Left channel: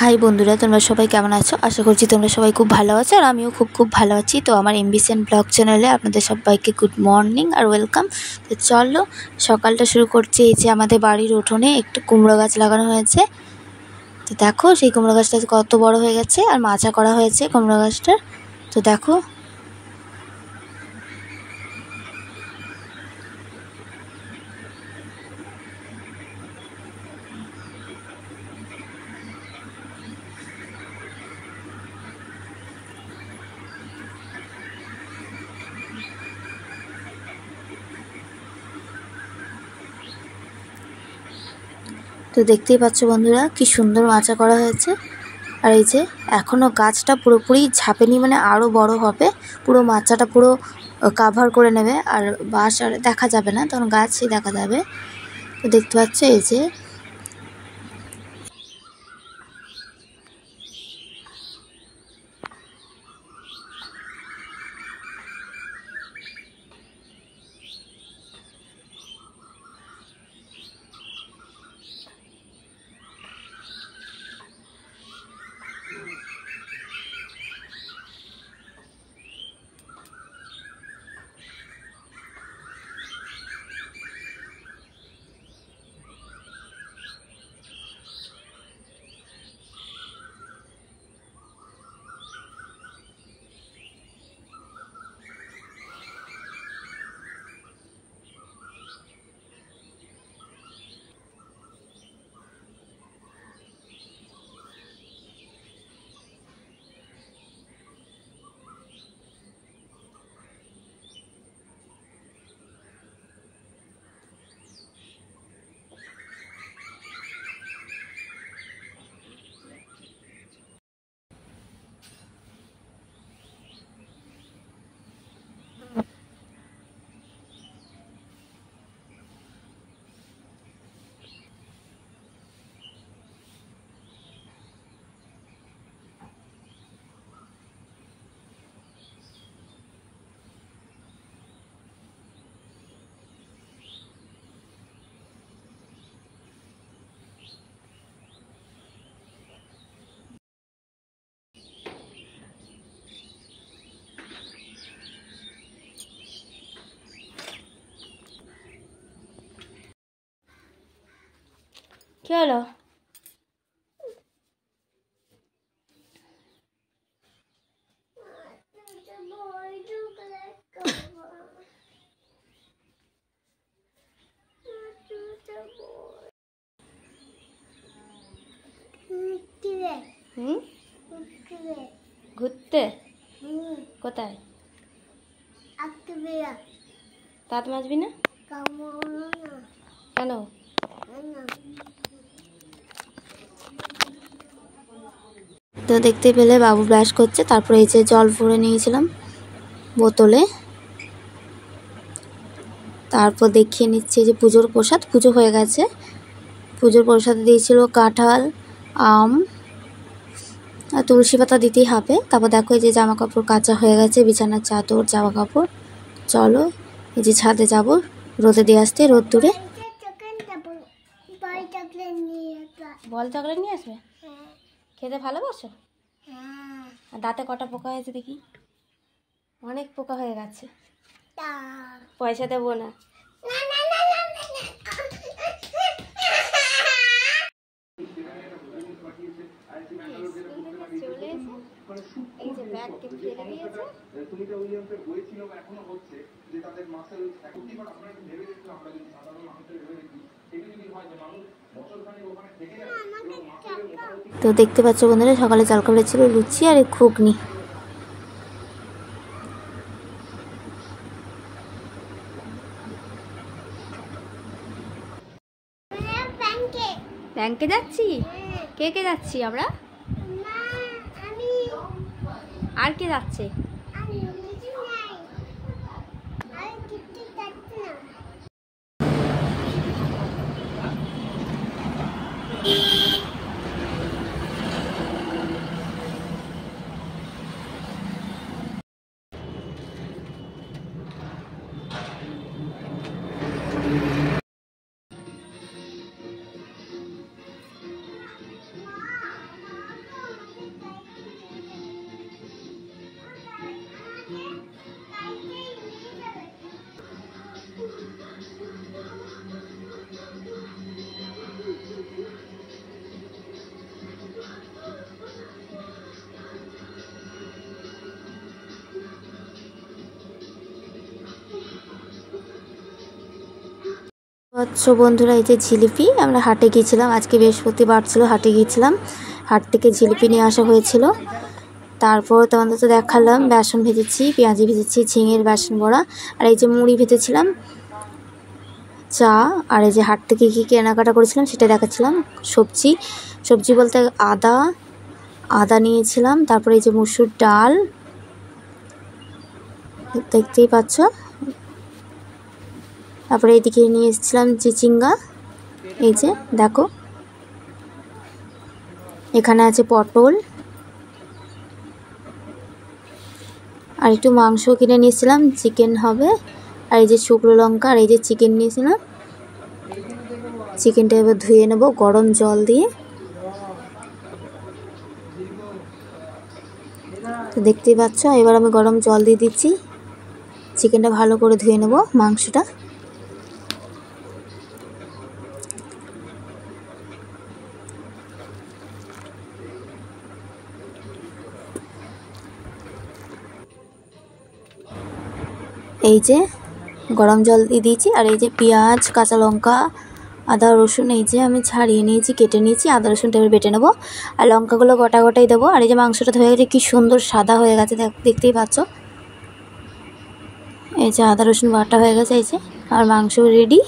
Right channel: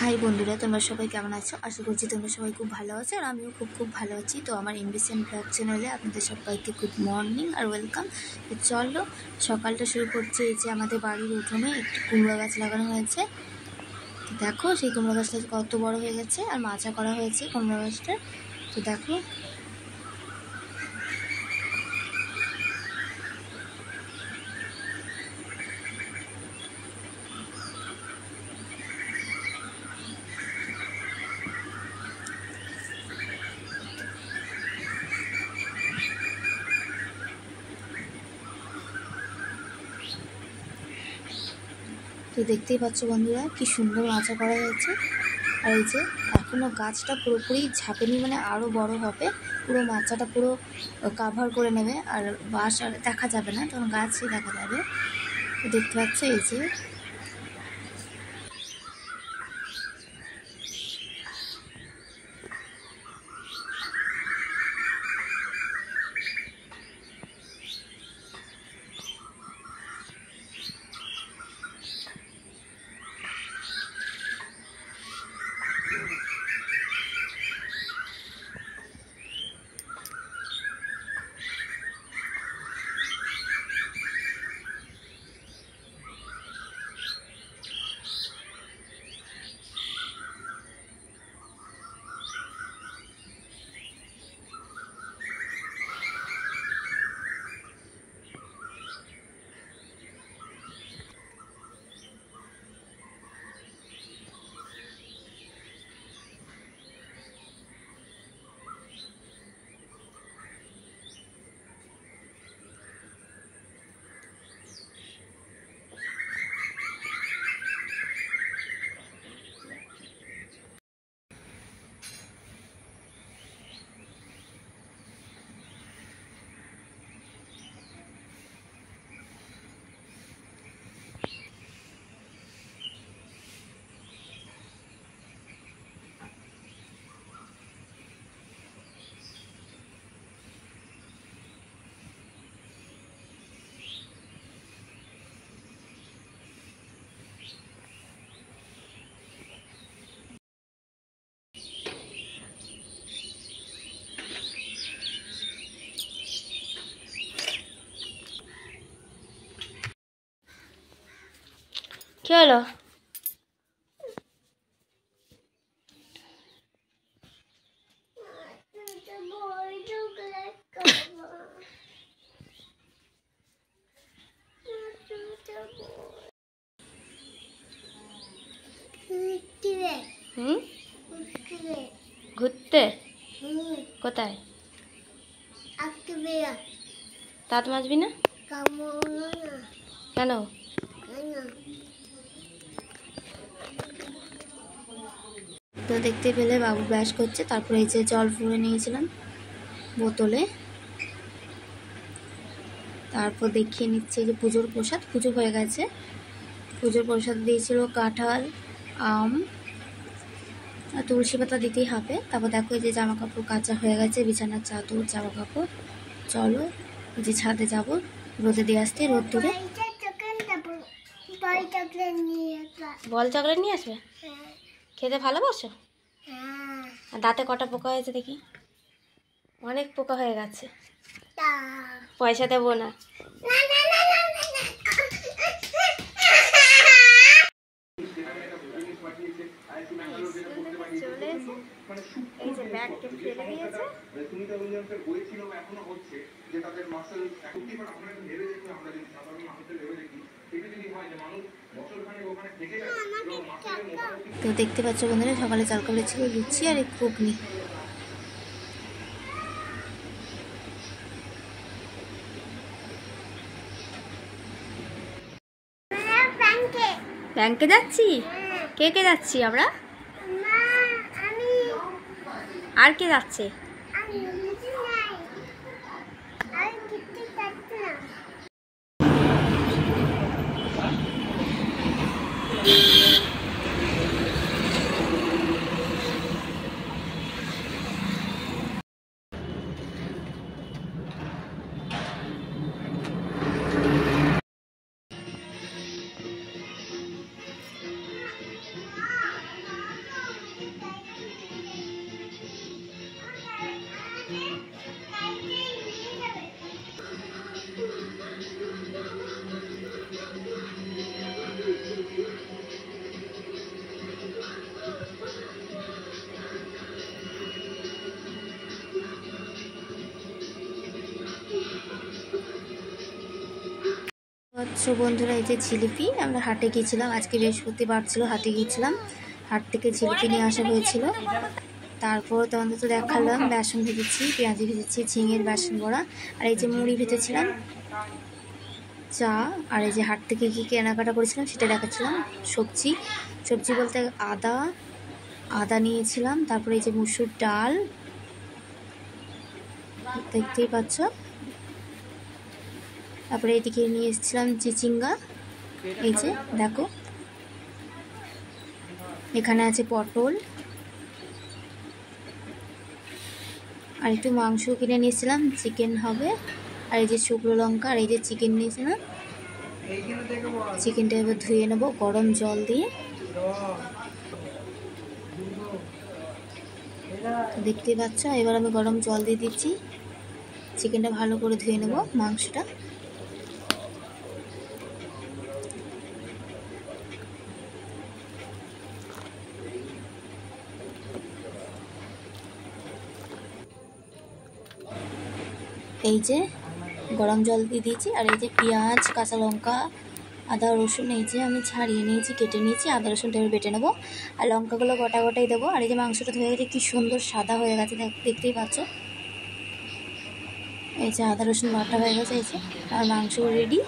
High বন্ধুরা, তোমরা সবাই কেমন আছো? আশা করছি তোমরা সবাই খুব ভালো আছো, আর আমিও খুব ভালো আছি। তো আমার এমবিসিএন ব্লগ চ্যানেলে আপনাদের সবাইকে গুড মর্নিং আর ওয়েলকাম। তো চলো সকালটা শুরু করছি। এই যে আমাদের বাড়ির উঠোনে একটু কুমড়ো গাছ লাগানো হয়েছে। তো দেখো সেই কুমড়ো গাছটা কত বড় হয়ে গেছে, আর মাচা করা হয়েছে কুমড়ো গাছটা। তো দেখো তো দেখতেই পাচ্ছ বন্ধুরা, কি সুন্দর মাচা করা হয়েছে। আর এই যে এখনও গাছটা পুরোপুরি ঝাঁপেনি, মানে আরও বড় হবে, পুরো মাচাটা পুরো কাভার করে নেবে, আর বাঁশ আর দেখা যাবে না, তখন গাছই দেখা যাবে। তো দেখতে পাচ্ছ এই যে কি হলো? ঘুরতে? কোথায়? দাঁত মাজবি না কেন? তো দেখতে পেলে বাবু ব্রাশ করছে, তারপরে এই যে জল ভরে নিয়েছিলাম বোতলে। তারপর দেখিয়ে নিচ্ছে যে পুজোর প্রসাদ, পুজো হয়ে গেছে। পুজোর প্রসাদ দিয়েছিল কাঁঠাল, আম আর তুলসী পাতা দিতেই হবে। তারপর দেখো এই যে জামা কাপড় কাচা হয়ে গেছে, বিছানার চাদর, জামা কাপড়। চলো এই যে ছাদে যাব রোদে দিয়ে আসতে, রোদ দূরে। বল চকলেট নিয়ে আসবে? খেতে ভালোবাসো? আর দাঁতে কটা পোকা হয়েছে দেখি? অনেক পোকা হয়ে গেছে। পয়সা দেবো না। চলে এসে এই যে ব্যাগকে ফেলে দিয়েছে। তো দেখতে পাচ্ছ বন্ধুরা, সকালে জলখাবারে ছিল লুচি আর ঘুগনি। ব্যাংকে যাচ্ছি? কে কে যাচ্ছি আমরা? আর কে যাচ্ছে? পাচ্ছ বন্ধুরা, এই যে জিলিপি, আমরা হাটে গিয়েছিলাম, আজকে বৃহস্পতিবার ছিল, হাটে গিয়েছিলাম, হাট থেকে জিলিপি নিয়ে আসা হয়েছিল। তারপর তোমাদের তো দেখালাম বেসন ভেজেছি, পেঁয়াজি ভেজেছি, ঝিঙের বেসন বড়া, আর এই যে মুড়ি ভেজেছিলাম, চা, আর এই যে হাট থেকে কী কেনাকাটা করেছিলাম সেটা দেখাচ্ছিলাম। সবজি বলতে আদা নিয়েছিলাম, তারপরে এই যে মুসুর ডাল দেখতেই পাচ্ছ, তারপরে এইদিকে নিয়ে এসেছিলাম চিচিঙ্গা, এই যে দেখো, এখানে আছে পটল, আর একটু মাংস কিনে নিয়েছিলাম, চিকেন হবে, আর এই যে শুকনো লঙ্কা, আর এই যে চিকেন নিয়েছিলাম। চিকেনটা এবার ধুয়ে নেব গরম জল দিয়ে। তো দেখতেই পাচ্ছ, এবার আমি গরম জল দিয়ে দিচ্ছি, চিকেনটা ভালো করে ধুয়ে নেব, মাংসটা। এই যে গরম জল দিয়ে দিয়েছি, আর এই যে পেঁয়াজ, কাঁচা লঙ্কা, আদা রসুন এই যে আমি ছাড়িয়ে নিয়েছি, কেটে নিয়েছি, আদা রসুনটা এবার বেটে নেবো, আর লঙ্কাগুলো গোটা গোটাই দেবো। আর এই যে মাংসটা ধুয়ে গেছে, কি সুন্দর সাদা হয়ে গেছে, দেখতেই পাচ্ছ। এই যে আদা রসুন বাটা হয়ে গেছে, এই যে, আর মাংস রেডি।